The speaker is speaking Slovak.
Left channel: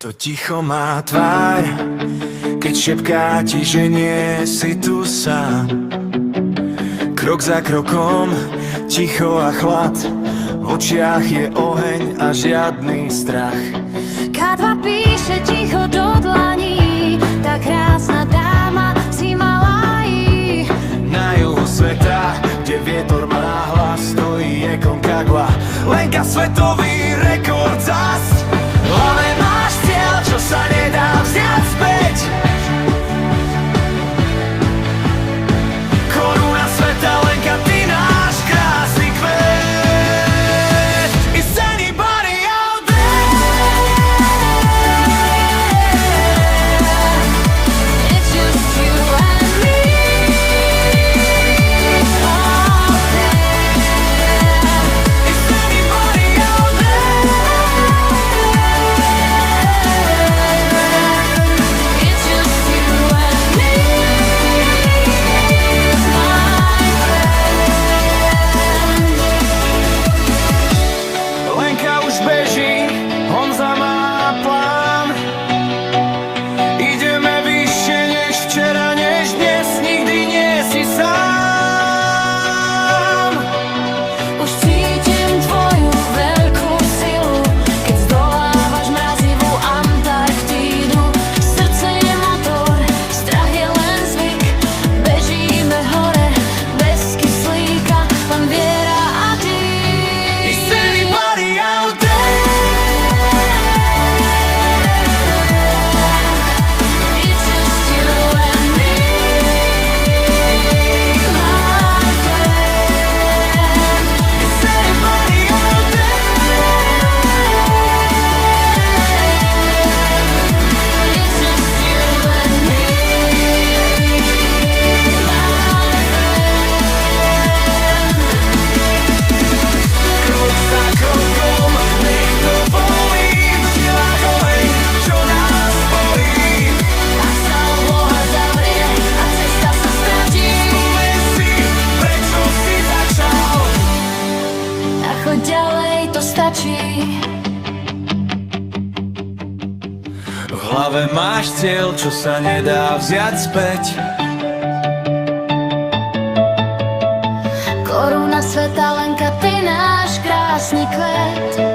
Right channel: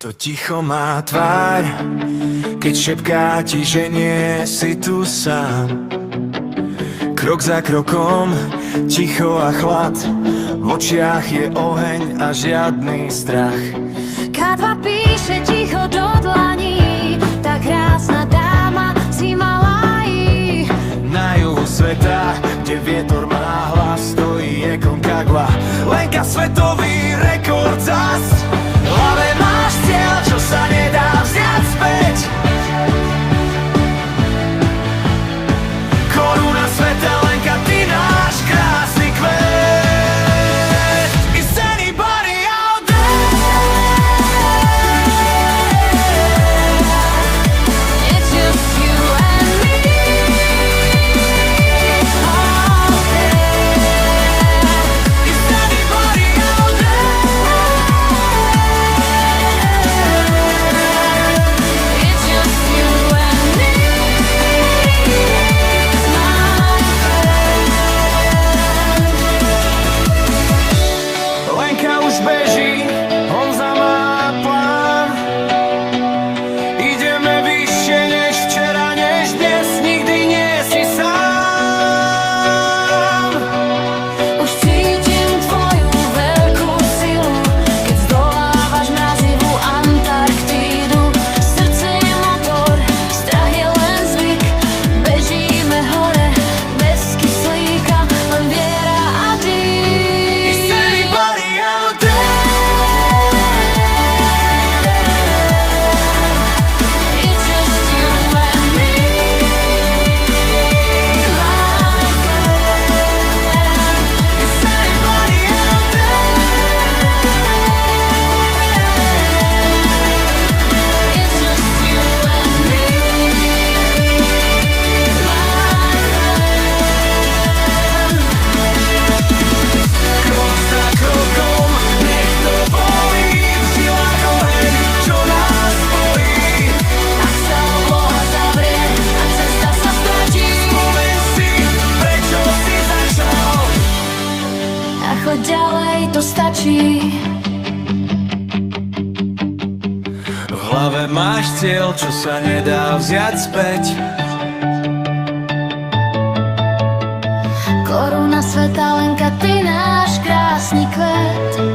To ticho má tvár, keď šepká ti, že nie si tu sám. Krok za krokom, ticho a chlad, v očiach je oheň a žiadny strach. K2 píše ticho do dlaní, tá krásna dáma si malá jí. Na juhu sveta, kde vietor má hlas, stojí Aconcagua, Lenka svetový rekord zas. V hlave máš cieľ, čo sa nedá vziať späť. Koruna sveta, Lenka, ty náš krásny kvet. Is anybody out there? It's just you and me out there. Is anybody out there? It's just you and me, my friend. Lenka už beží, Honza má plán. Ideme vyššie než včera, než dnes, nikdy nie si sám. Už cítim tvoju veľkú silu, keď zdolávaš mrazivú Antarktídu. Srdce je motor, strach je len zvyk. Bežíme hore, bez kyslíka, len viera a Is dík. anybody out there? It's just you and me, my friend. Is anybody out there? It's just you and me, my friend. Krok za krokom, nech to bolí, v žilách oheň, čo nás bolí. Ak sa obloha zavrie a cesta sa stratí, Spomeň si, prečo si začal. a choď ďalej, to stačí. V hlave máš cieľ, čo sa nedá vziať späť. Koruna sveta, Lenka, ty náš krásny kvet.